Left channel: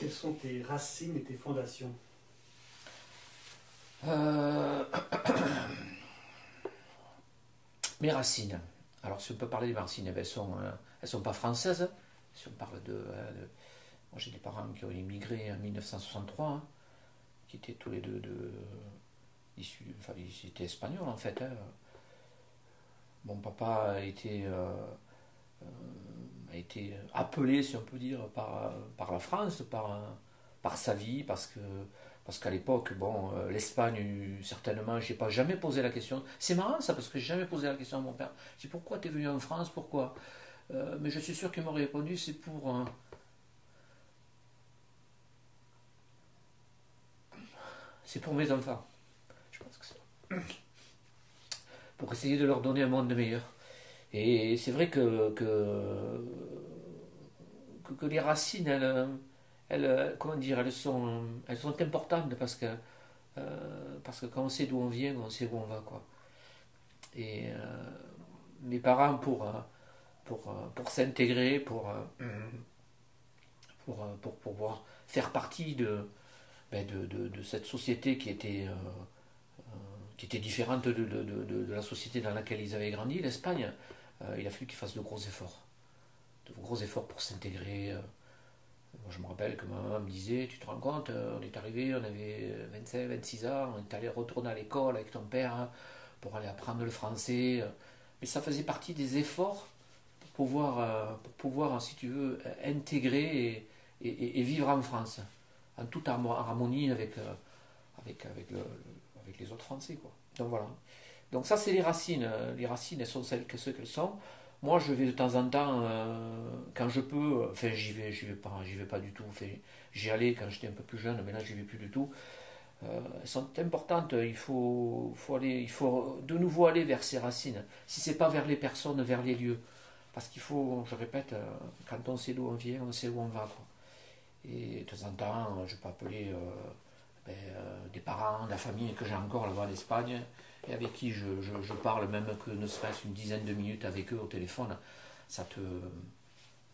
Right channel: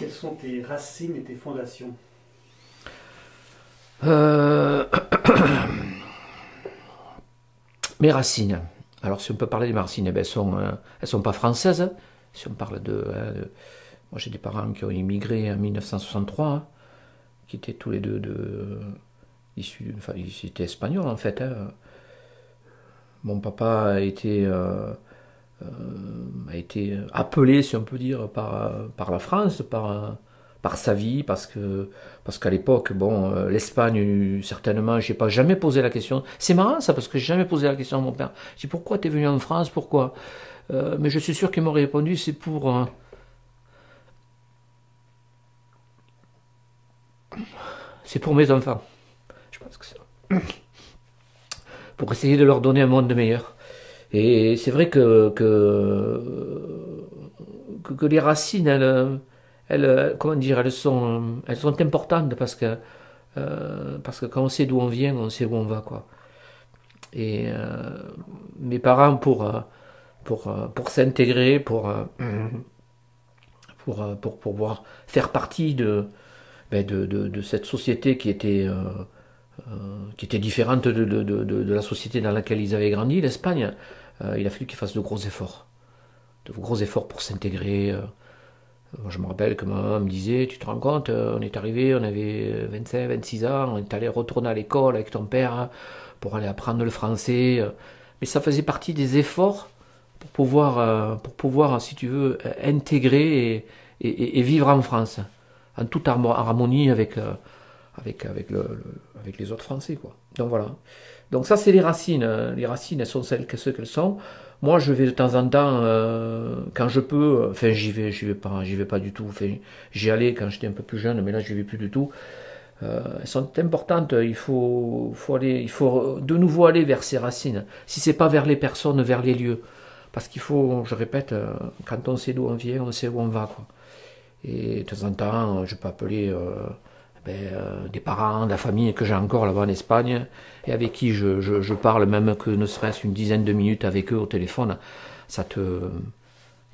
Quelles sont tes racines et tes fondations? Euh, Mes racines. Alors, si on peut parler de mes racines, eh ben, elles sont pas françaises. Si on parle moi, j'ai des parents qui ont immigré en 1963, qui étaient tous les deux issus, enfin, ils étaient espagnols en fait. Mon papa a été appelé, si on peut dire, par la France, par sa vie, parce qu'à l'époque, bon, l'Espagne, certainement, j'ai pas jamais posé la question. C'est marrant ça, parce que j'ai jamais posé la question à mon père. Je dis pourquoi t'es venu en France, pourquoi? Mais je suis sûr qu'il m'aurait répondu, c'est pour mes enfants. Je pense que c'est pour essayer de leur donner un monde meilleur. Et c'est vrai que les racines, comment dire, elles sont importantes parce que quand on sait d'où on vient, on sait où on va, quoi. Et mes parents, pour s'intégrer, pour pouvoir faire partie de cette société qui était différente de la société dans laquelle ils avaient grandi, l'Espagne, il a fallu qu'ils fassent de gros efforts. De gros efforts pour s'intégrer. Moi, je me rappelle que ma maman me disait, tu te rends compte, on est arrivé, on avait 25, 26 ans, on est allé retourner à l'école avec ton père pour aller apprendre le français. Mais ça faisait partie des efforts pour pouvoir si tu veux, intégrer et vivre en France, en toute harmonie avec les autres Français, quoi. Donc voilà. Donc ça, c'est les racines. Les racines, elles sont ce qu'elles sont. Moi, je vais de temps en temps, quand je peux, enfin, j'y vais pas du tout. Enfin, j'y allais quand j'étais un peu plus jeune, mais là, je vais plus du tout. Elles sont importantes. Il faut de nouveau aller vers ces racines. Si c'est pas vers les personnes, vers les lieux. Parce qu'il faut, je répète, quand on sait d'où on vient, on sait où on va, quoi. Et de temps en temps, je peux appeler des parents, de la famille que j'ai encore là-bas en Espagne, et avec qui je parle, même que ne serait-ce une dizaine de minutes avec eux au téléphone. Ça te,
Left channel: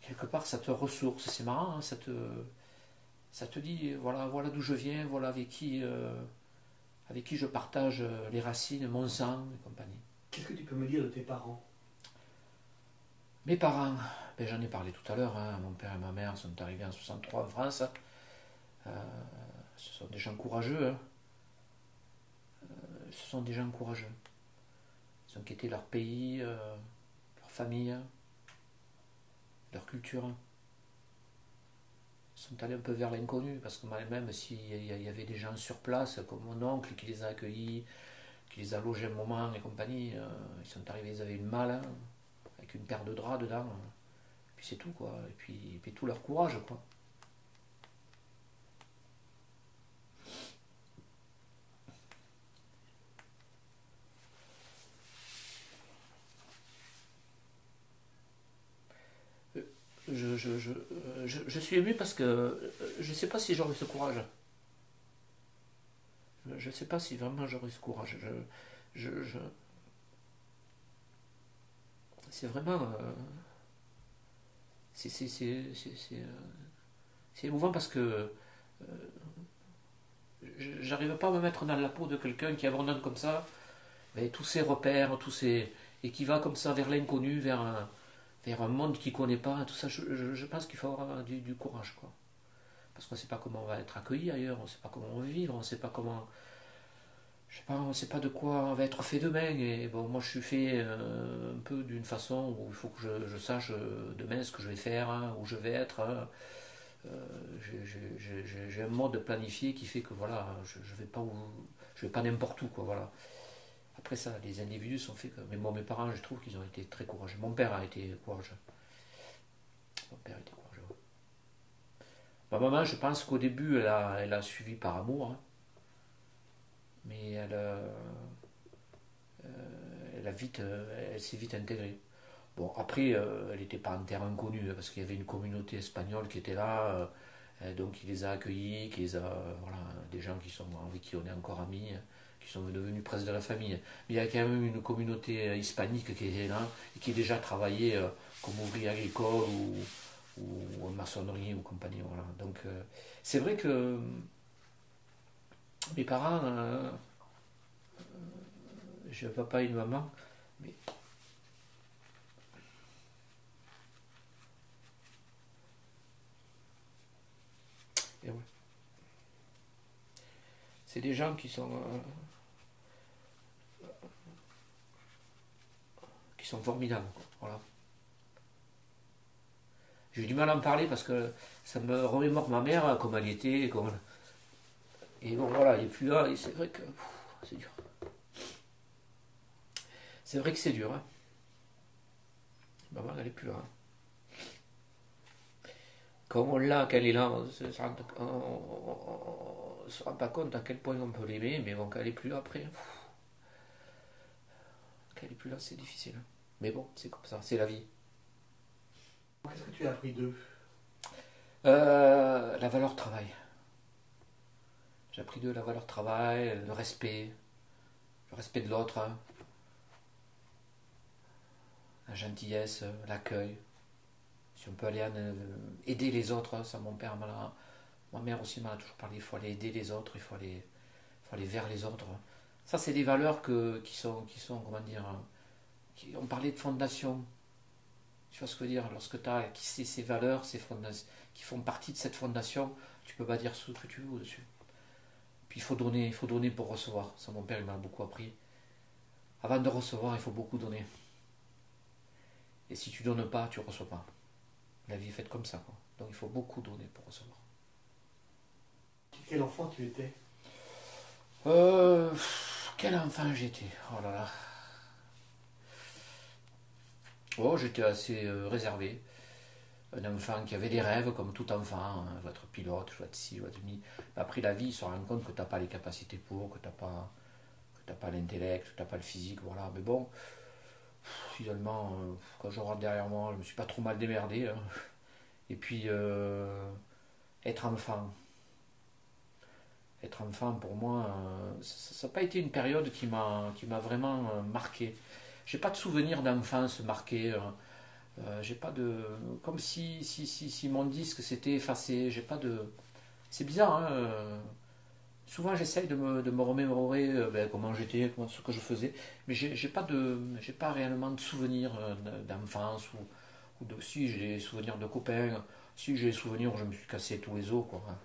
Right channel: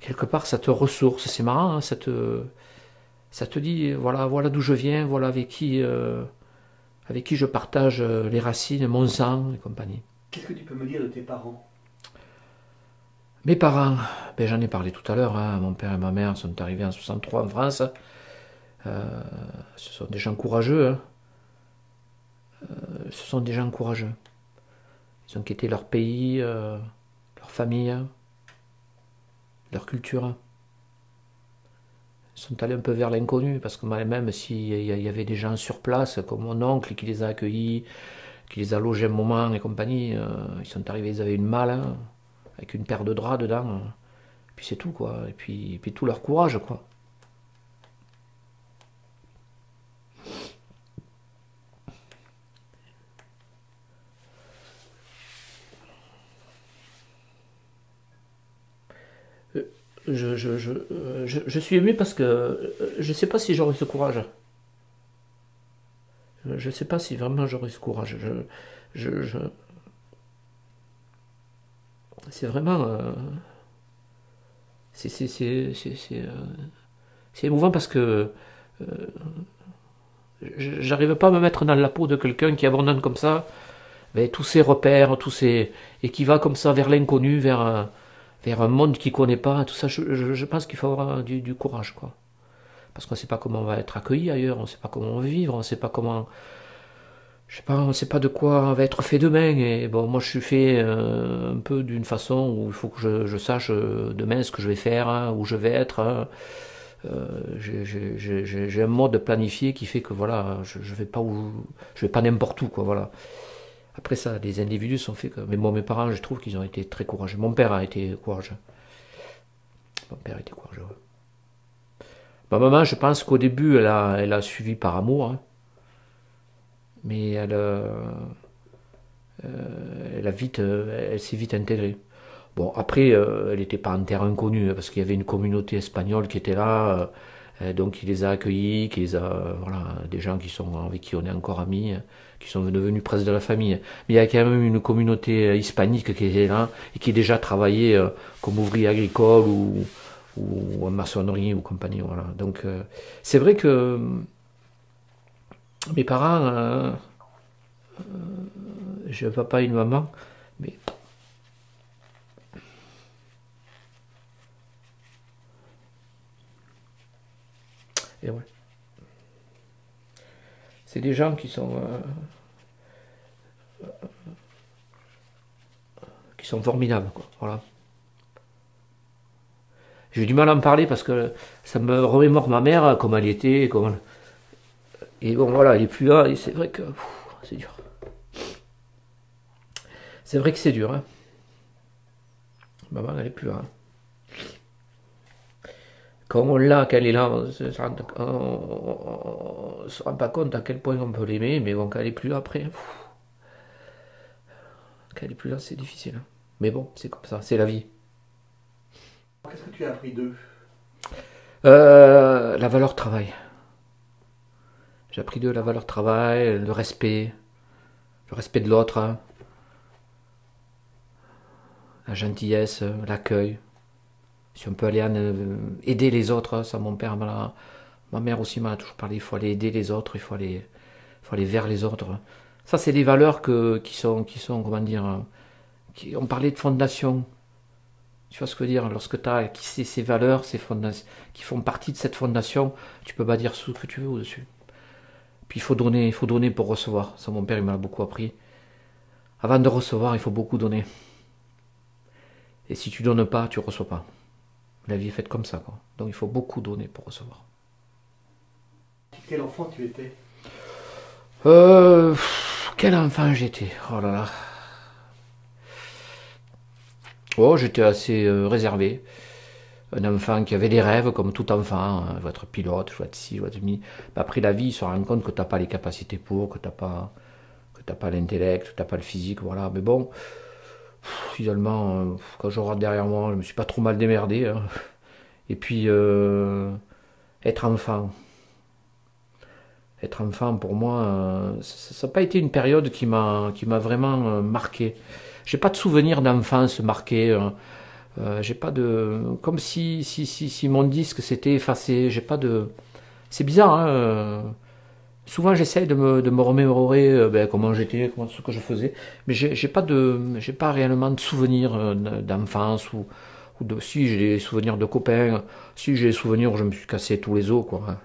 quelque part, ça te ressource. C'est marrant, hein, ça te dit, voilà d'où je viens, voilà avec qui je partage les racines, mon sang et compagnie. Qu'est-ce que tu peux me dire de tes parents? Mes parents, ben, j'en ai parlé tout à l'heure, hein, mon père et ma mère sont arrivés en 63 en France. Euh, Ce sont des gens courageux, hein. Ce sont des gens courageux. Ils ont quitté leur pays, leur famille, leur culture. Ils sont allés un peu vers l'inconnu, parce que même s'il y avait des gens sur place, comme mon oncle qui les a accueillis, qui les a logés un moment et compagnie, ils sont arrivés, ils avaient une malle, hein, avec une paire de draps dedans. Puis c'est tout, quoi. Et puis tout leur courage, quoi. Je suis ému parce que je ne sais pas si j'aurais ce courage. Je ne sais pas si vraiment j'aurais ce courage. Je, je- c'est vraiment. C'est émouvant parce que j'arrive pas à me mettre dans la peau de quelqu'un qui abandonne comme ça mais tous ses repères, et qui va comme ça vers l'inconnu, vers un monde qu'il connaît pas, tout ça. Je pense qu'il faut avoir du courage, quoi. Parce qu'on ne sait pas comment on va être accueilli ailleurs, on ne sait pas comment on va vivre, on ne sait pas comment, je sais pas, on ne sait pas de quoi on va être fait demain. Et bon, moi je suis fait un peu d'une façon où il faut que je sache demain ce que je vais faire, hein, où je vais être, hein. J'ai un mode planifié qui fait que voilà, je vais pas je vais pas n'importe où, quoi, voilà. Après ça, les individus sont faits comme. Mais moi, mes parents, je trouve qu'ils ont été très courageux. Mon père a été courageux. Mon père a été courageux. Ma maman, je pense qu'au début, elle a suivi par amour, hein, mais elle s'est vite intégrée. Bon, après, elle n'était pas en terre inconnue, hein, parce qu'il y avait une communauté espagnole qui était là, donc il les a accueillis, voilà, des gens avec qui on est encore amis, qui sont devenus presque de la famille. Mais il y a quand même une communauté hispanique qui était là, et qui déjà travaillait comme ouvrier agricole ou en maçonnerie ou compagnie. Voilà. Donc c'est vrai que mes parents, j'ai un papa et une maman, mais et ouais. C'est des gens qui sont formidables, quoi. Voilà. J'ai du mal à en parler parce que ça me remémore ma mère, comment elle était, comment... Et bon, voilà, elle est plus là, et c'est vrai que c'est dur. C'est vrai que c'est dur, hein. Maman, elle est plus là. Quand on l'a, qu'elle est là, on se rend pas compte à quel point on peut l'aimer, mais bon, quand elle est plus là après, quand elle est plus là, c'est difficile, hein. Mais bon, c'est comme ça, c'est la vie. Qu'est-ce que tu as appris d'eux? La valeur travail. J'ai appris de la valeur travail, le respect de l'autre, hein, la gentillesse, l'accueil. Si on peut aller aider les autres, hein, ça mon père, ma mère aussi m'a toujours parlé, il faut aller aider les autres, faut aller vers les autres. Ça, c'est des valeurs qui sont, comment dire, on parlait de fondation. Tu vois ce que je veux dire? Lorsque tu as ces valeurs, qui font partie de cette fondation, tu peux pas dire ce que tu veux au-dessus. Puis il faut donner pour recevoir. Ça, mon père, il m'a beaucoup appris. Avant de recevoir, il faut beaucoup donner. Et si tu donnes pas, tu reçois pas. La vie est faite comme ça, quoi. Donc il faut beaucoup donner pour recevoir. Quel enfant tu étais? Quel enfant j'étais. Oh là là. Oh, j'étais assez réservé. Un enfant qui avait des rêves, comme tout enfant. Hein. Je veux être pilote, je veux être ci, je veux être mi. Après la vie, il se rend compte que t'as pas les capacités pour, que t'as pas l'intellect, que t'as pas le physique, voilà. Mais bon, finalement, quand je regarde derrière moi, je me suis pas trop mal démerdé, hein. Et puis, être enfant. Être enfant, pour moi, ça n'a pas été une période qui m'a vraiment marqué. J'ai pas de souvenir d'enfance marqué. J'ai pas de, comme si mon disque s'était effacé. J'ai pas de, c'est bizarre, hein. Souvent, j'essaye de me remémorer ben, comment j'étais, ce que je faisais, mais j'ai pas réellement de souvenirs d'enfance ou de, si j'ai des souvenirs de copains, si j'ai des souvenirs où je me suis cassé tous les os, quoi.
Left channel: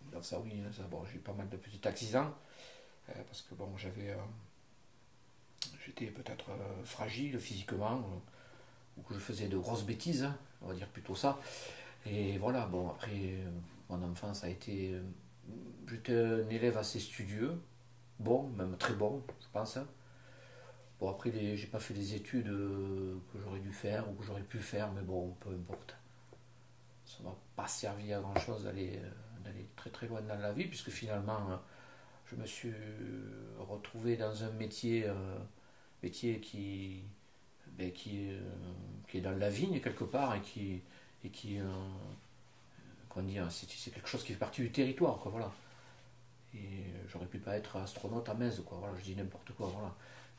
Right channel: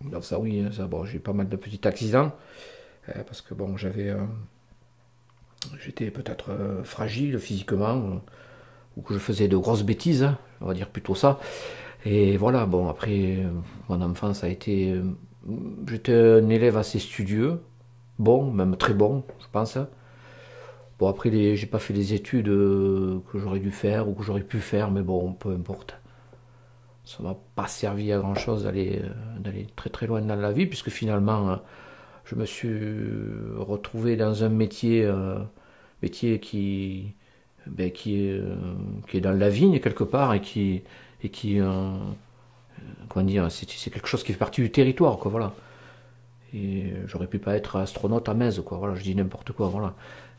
Donc ça, oui, ça, bon, j'ai eu pas mal de petits accidents parce que bon, j'étais peut-être fragile physiquement ou que je faisais de grosses bêtises, hein, on va dire plutôt ça. Et voilà, bon, après, mon enfance a été, j'étais un élève assez studieux, bon, même très bon, je pense. Bon, après, j'ai pas fait les études que j'aurais dû faire ou que j'aurais pu faire, mais bon, peu importe. Ça m'a pas servi à grand chose d'aller très très loin dans la vie, puisque finalement, je me suis retrouvé dans un métier ben, qui est dans la vigne quelque part et qui comment dire, c'est quelque chose qui fait partie du territoire, quoi, voilà. Et j'aurais pu pas être astronaute à Metz, quoi, voilà, je dis n'importe quoi, voilà.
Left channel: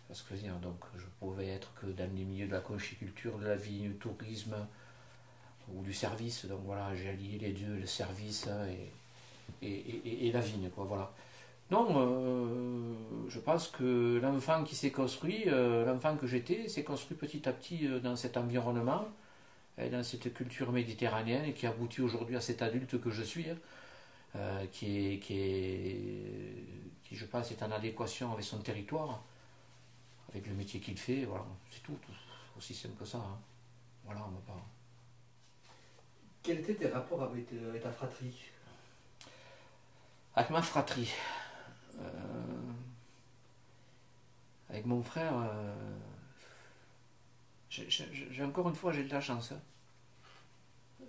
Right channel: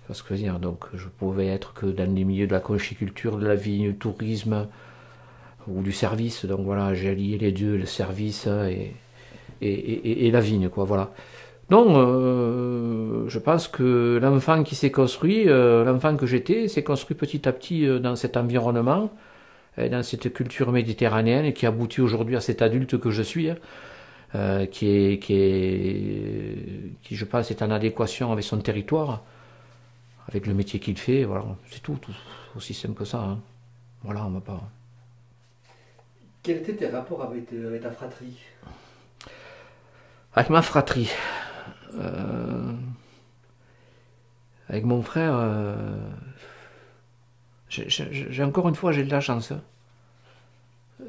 C'est ce que je veux dire. Donc je pouvais être que dans les milieux de la conchiculture, de la vigne, du tourisme ou du service. Donc voilà, j'ai allié les deux, le service et la vigne, quoi, voilà. Non, je pense que l'enfant qui s'est construit, l'enfant que j'étais, s'est construit petit à petit dans cet environnement, dans cette culture méditerranéenne et qui aboutit aujourd'hui à cet adulte que je suis, hein, qui, je pense, est en adéquation avec son territoire, avec le métier qu'il fait. Voilà, c'est tout, aussi simple que ça, hein. Voilà, on va pas. Quels étaient tes rapports avec ta fratrie? Avec ma fratrie, euh, avec mon frère, j'ai encore une fois, j'ai de la chance, hein.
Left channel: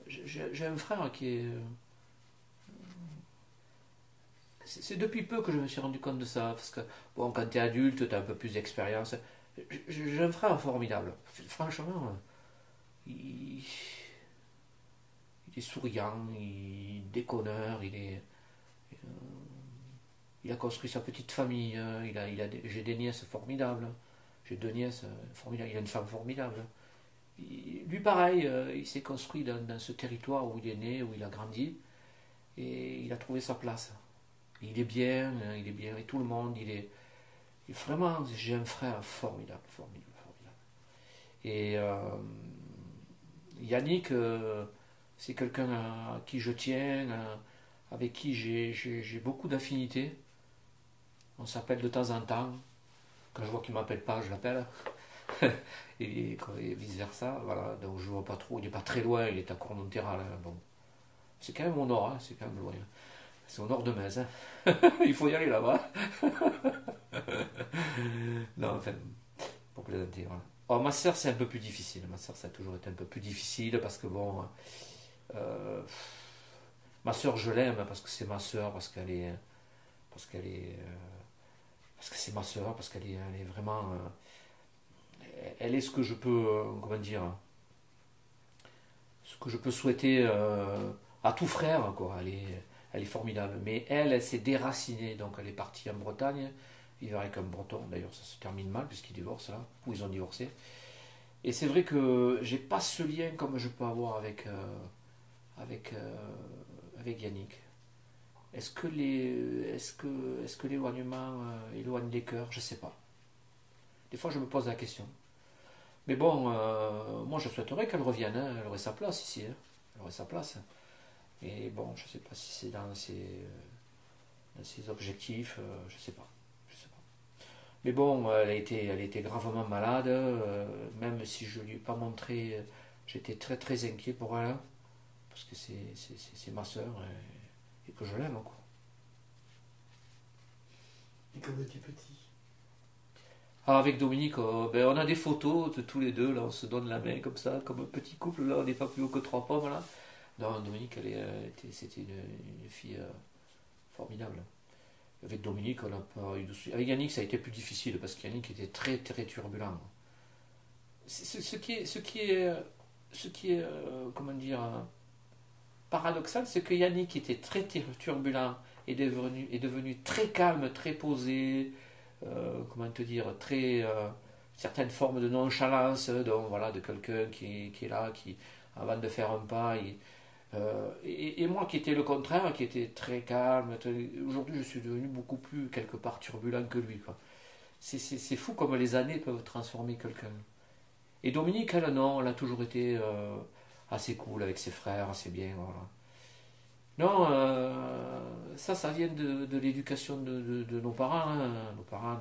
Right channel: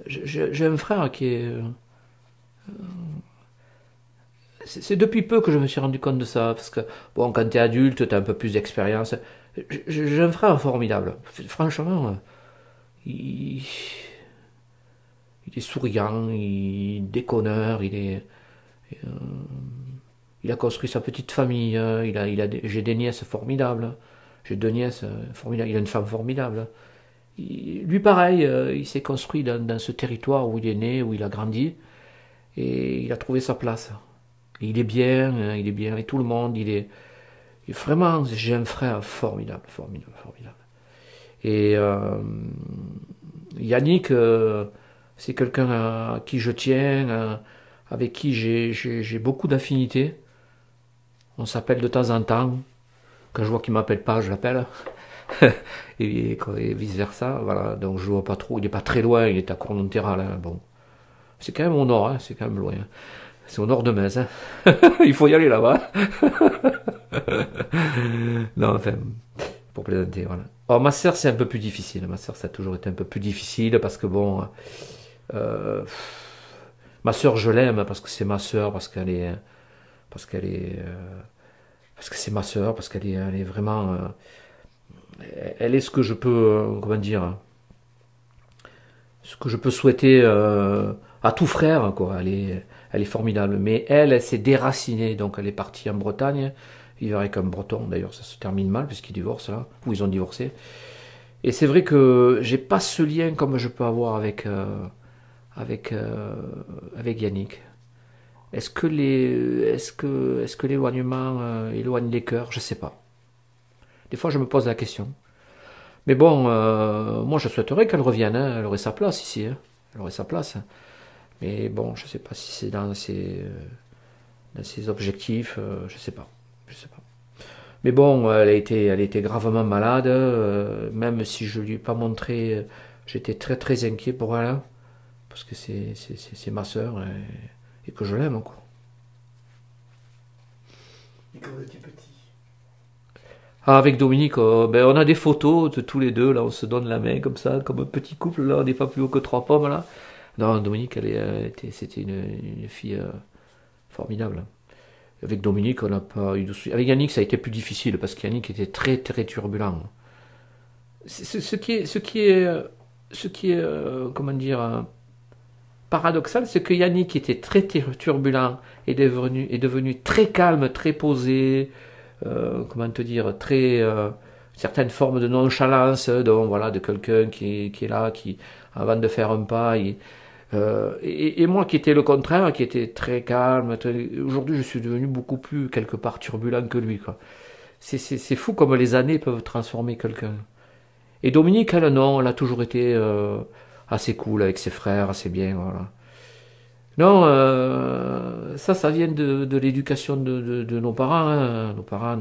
J'ai un frère qui est. C'est depuis peu que je me suis rendu compte de ça. Parce que, bon, quand tu es adulte, tu as un peu plus d'expérience. J'ai un frère formidable. Franchement, il, il est souriant, il est déconneur, euh, il a construit sa petite famille. J'ai des nièces formidables. J'ai deux nièces formidables. Il a une femme formidable. Lui, pareil, il s'est construit dans ce territoire où il est né, où il a grandi, et il a trouvé sa place. Et il est bien, hein, il est bien avec tout le monde. Vraiment, j'ai un frère formidable, formidable, formidable. Et Yannick, c'est quelqu'un à qui je tiens, avec qui j'ai beaucoup d'affinités. On s'appelle de temps en temps. Quand je vois qu'il m'appelle pas, je l'appelle. Et vice versa. Voilà. Donc je vois pas trop. Il est pas très loin. Il est à Cornonterral. Hein. Bon, c'est quand même au nord. Hein. C'est quand même loin. C'est au nord de Metz. Hein. Il faut y aller là-bas. Non, enfin, pour plaisanter. Voilà. Alors ma sœur, c'est un peu plus difficile. Ma sœur, ça a toujours été un peu plus difficile parce que bon, euh, ma sœur, je l'aime parce que c'est ma sœur, parce qu'elle est, parce que c'est ma sœur, parce elle est vraiment, elle est ce que je peux, comment dire, ce que je peux souhaiter à tout frère, quoi. Elle est formidable. Mais elle s'est déracinée, donc elle est partie en Bretagne, vivre avec un Breton. D'ailleurs, ça se termine mal puisqu'ils divorcent là, ou ils ont divorcé. Et c'est vrai que j'ai pas ce lien comme je peux avoir avec, avec Yannick. Est-ce que l'éloignement éloigne les cœurs? Je sais pas. Des fois, je me pose la question. Mais bon, moi, je souhaiterais qu'elle revienne. Hein. Elle aurait sa place ici. Hein. Elle aurait sa place. Mais bon, je sais pas si c'est dans ses objectifs. Je sais pas. Je sais pas. Mais bon, elle a été gravement malade. Même si je lui ai pas montré, j'étais très très inquiet pour elle. Parce que c'est ma sœur et que je l'aime, quoi. Et quand vous étiez petit. Ah, avec Dominique, ben, on a des photos de tous les deux, là, on se donne la main comme ça, comme un petit couple, là, on n'est pas plus haut que trois pommes, là. Non, Dominique, c'était une fille formidable. Avec Dominique, on n'a pas eu de soucis. Avec Yannick, ça a été plus difficile, parce qu'Yannick était très, très turbulent. Ce qui est comment dire, paradoxal, c'est que Yannick était très turbulent et est devenu très calme, très posé, comment te dire, très certaines formes de nonchalance, donc voilà, de quelqu'un qui est là, qui avant de faire un pas, et moi qui étais le contraire, qui était très calme. Aujourd'hui, je suis devenu beaucoup plus quelque part turbulent que lui, quoi. C'est fou comme les années peuvent transformer quelqu'un. Et Dominique, elle, non, elle a toujours été assez cool avec ses frères, assez bien, voilà. Non, ça vient de l'éducation de nos parents. Hein. Nos parents,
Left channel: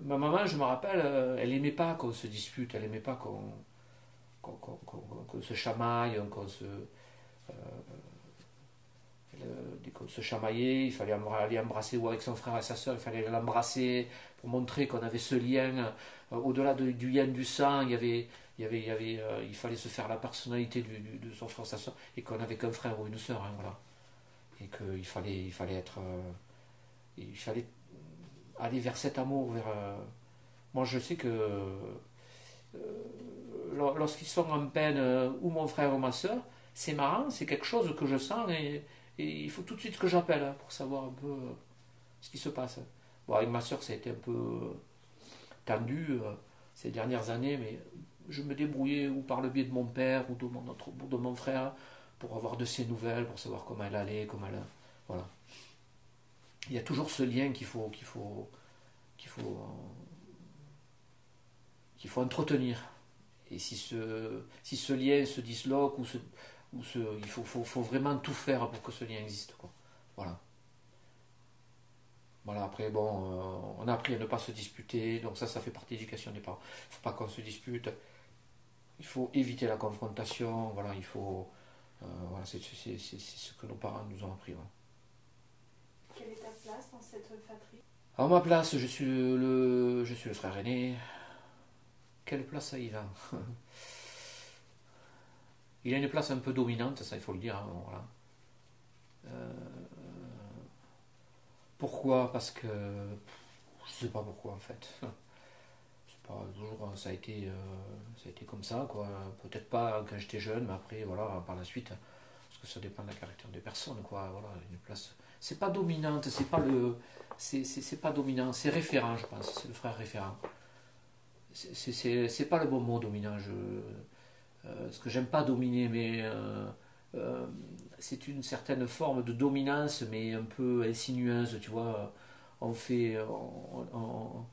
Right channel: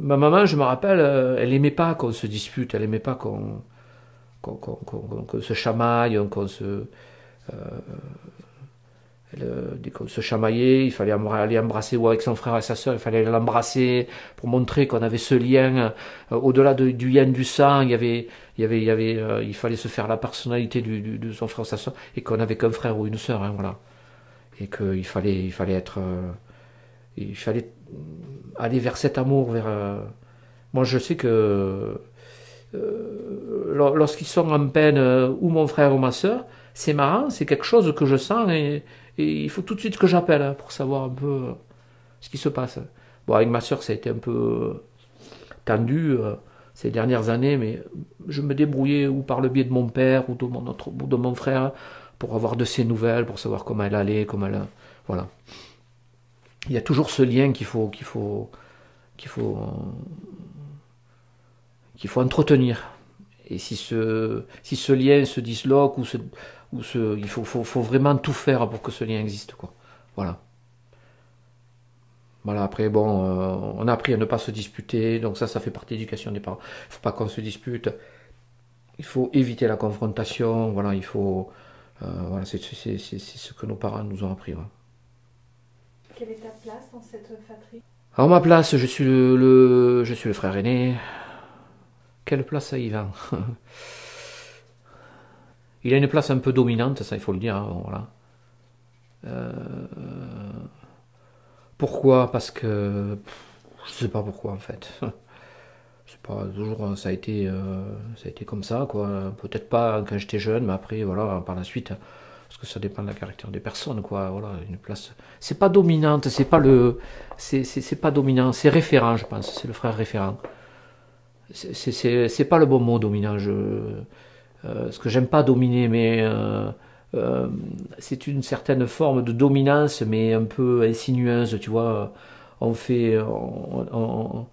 ma maman, je me rappelle, elle aimait pas qu'on se dispute, elle aimait pas qu'on se chamaille, dès qu'on se chamaillait, il fallait aller embrasser, ou avec son frère et sa soeur, il fallait aller l'embrasser pour montrer qu'on avait ce lien. Au-delà du lien du sang, il fallait se faire la personnalité de son frère et sa soeur, et qu'on n'avait qu'un frère ou une soeur, hein, voilà. Et il fallait être, il fallait aller vers cet amour, moi, je sais que lorsqu'ils sont en peine, ou mon frère ou ma soeur, c'est marrant, c'est quelque chose que je sens et il faut tout de suite que j'appelle hein, pour savoir un peu ce qui se passe. Bon, avec ma soeur, ça a été un peu tendu ces dernières années, mais je me débrouillais ou par le biais de mon père ou de mon frère pour avoir de ses nouvelles, pour savoir comment elle allait, voilà. Il y a toujours ce lien qu'il faut, qu'il faut entretenir. Et si ce lien se disloque il faut vraiment tout faire pour que ce lien existe, quoi. Voilà. Voilà, après, bon, on a appris à ne pas se disputer, donc ça fait partie de l'éducation des parents. Il ne faut pas qu'on se dispute, il faut éviter la confrontation, voilà, voilà, c'est ce que nos parents nous ont appris. Voilà. Quelle est ta place dans cette fratrie? Alors, ma place, je suis le frère aîné. Quelle place a Yvan? Il a une place un peu dominante, ça il faut le dire. Hein, bon, voilà. Euh, Pourquoi? Parce que je sais pas pourquoi en fait. C'est pas toujours ça a été comme ça quoi. Peut-être pas quand j'étais jeune, mais après voilà par la suite. Parce que ça dépend de la caractère des personnes quoi. Voilà une place. C'est pas dominante, c'est pas le, c'est pas dominant, c'est référent je pense. C'est le frère référent. c'est pas le bon mot dominant. Parce que j'aime pas dominer, mais c'est une certaine forme de dominance, mais un peu insinueuse, tu vois. On fait, on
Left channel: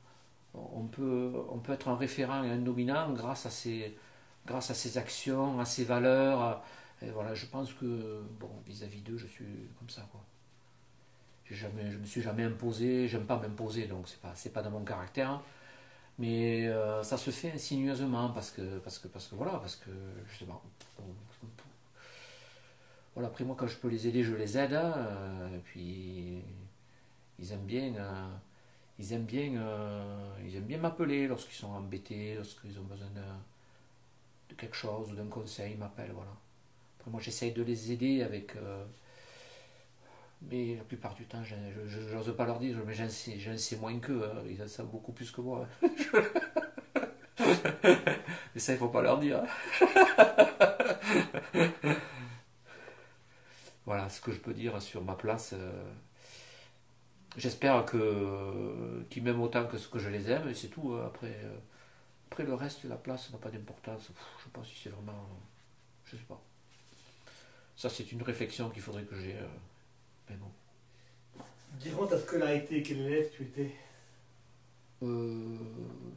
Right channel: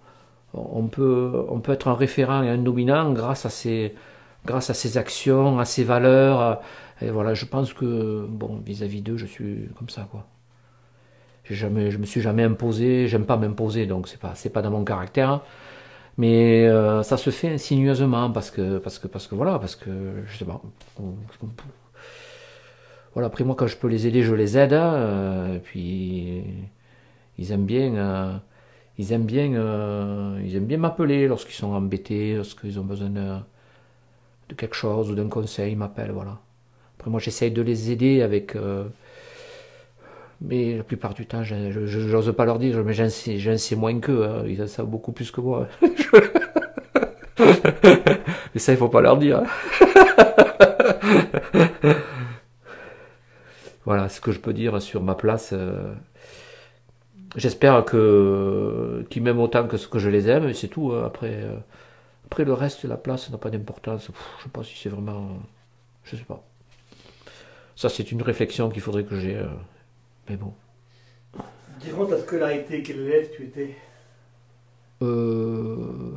peut être un référent et un dominant grâce à ses actions, à ses valeurs. Et voilà, je pense que, bon, vis-à-vis d'eux, je suis comme ça, quoi. Je me suis jamais imposé, j'aime pas m'imposer, donc c'est pas dans mon caractère. Mais ça se fait insinueusement voilà, parce que je sais pas. Voilà, après moi quand je peux les aider, je les aide. Et puis ils aiment bien, ils aiment bien m'appeler lorsqu'ils sont embêtés, lorsqu'ils ont besoin de quelque chose ou d'un conseil, ils m'appellent, voilà. Après moi j'essaye de les aider avec, mais la plupart du temps, j'ose pas leur dire, mais j'en sais moins qu'eux, hein. Ils en savent beaucoup plus que moi. Mais ça, il faut pas leur dire, hein. Voilà ce que je peux dire sur ma place. J'espère qu'ils m'aiment autant que ce que je les aime, et c'est tout, hein. Après, le reste de la place n'a pas d'importance. Je sais pas si c'est vraiment. Je sais pas. Ça, c'est une réflexion qu'il faudrait que j'ai. Mais bon. Durant ta scolarité, quel élève tu étais?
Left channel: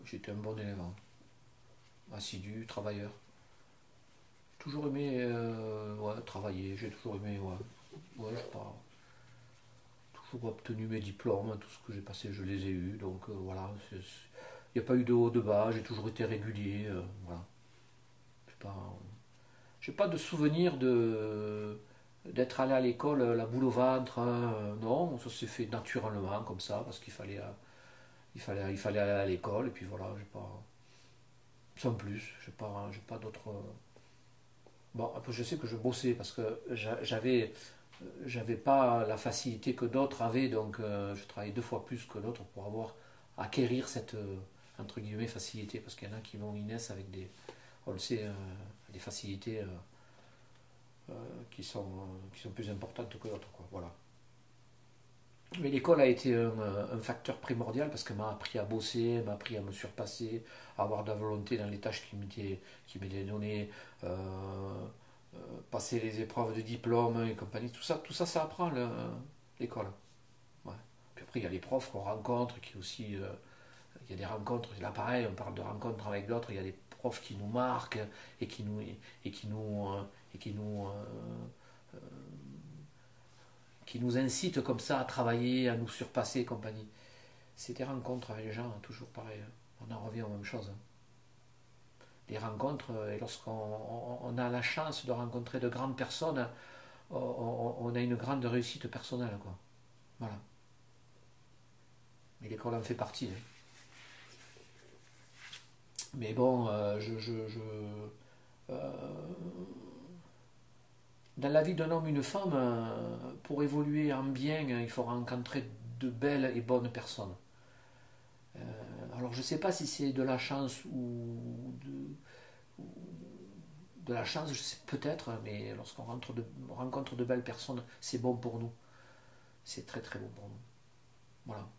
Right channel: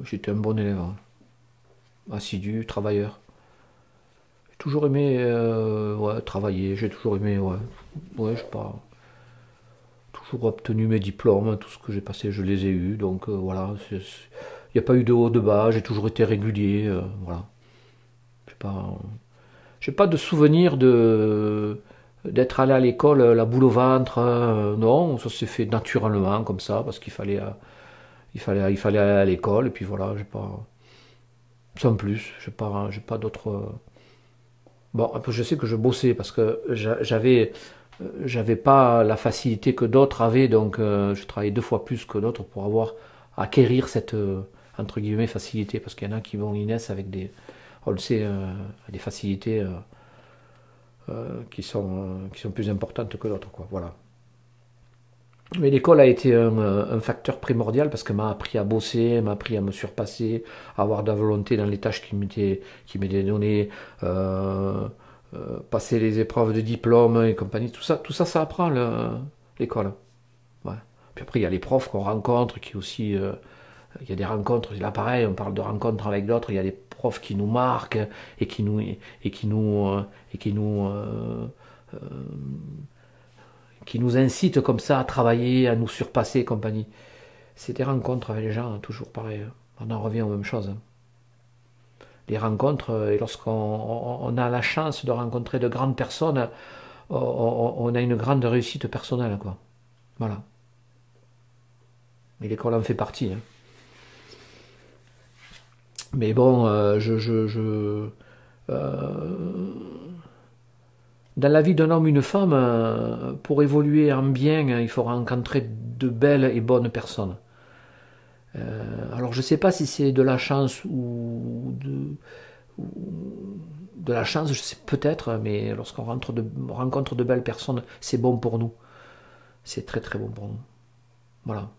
J'étais un bon élève, hein. Assidu, travailleur. J'ai toujours aimé ouais, travailler, j'ai toujours aimé, ouais. Ouais, je sais pas. Toujours obtenu mes diplômes, tout ce que j'ai passé, je les ai eus. Donc voilà, il n'y a pas eu de haut, de bas, j'ai toujours été régulier. Voilà. J'ai pas de souvenir d'être allé à l'école la boule au ventre, hein. Non, ça s'est fait naturellement comme ça, parce qu'il fallait aller à l'école, et puis voilà, j'ai pas. Sans plus, j'ai pas d'autres. Bon, un peu, je sais que je bossais parce que j'avais pas la facilité que d'autres avaient, donc je travaillais 2 fois plus que d'autres pour acquérir cette entre guillemets facilité, parce qu'il y en a qui naissent avec on le sait, des facilités qui sont plus importantes que d'autres, quoi. Voilà. Mais l'école a été un facteur primordial parce qu'elle m'a appris à bosser, m'a appris à me surpasser, à avoir de la volonté dans les tâches qui m'étaient données, passer les épreuves de diplôme et compagnie. Tout ça, ça apprend l'école. Ouais. Puis après, il y a les profs qu'on rencontre, qui aussi, il y a des rencontres. Là, pareil, on parle de rencontres avec d'autres. Il y a des profs qui nous marquent et qui nous incitent comme ça à travailler, à nous surpasser et compagnie. C'est des rencontres avec les gens, hein, toujours pareil. On en revient aux mêmes choses. Les rencontres, et lorsqu'on a la chance de rencontrer de grandes personnes, on a une grande réussite personnelle, quoi. Voilà. Et l'école en fait partie, hein. Mais bon, dans la vie d'un homme, une femme, pour évoluer en bien, il faut rencontrer de belles et bonnes personnes. Alors je ne sais pas si c'est de la chance ou de la chance, je sais peut-être, mais lorsqu'on rencontre de belles personnes, c'est bon pour nous. C'est très très bon pour nous. Voilà.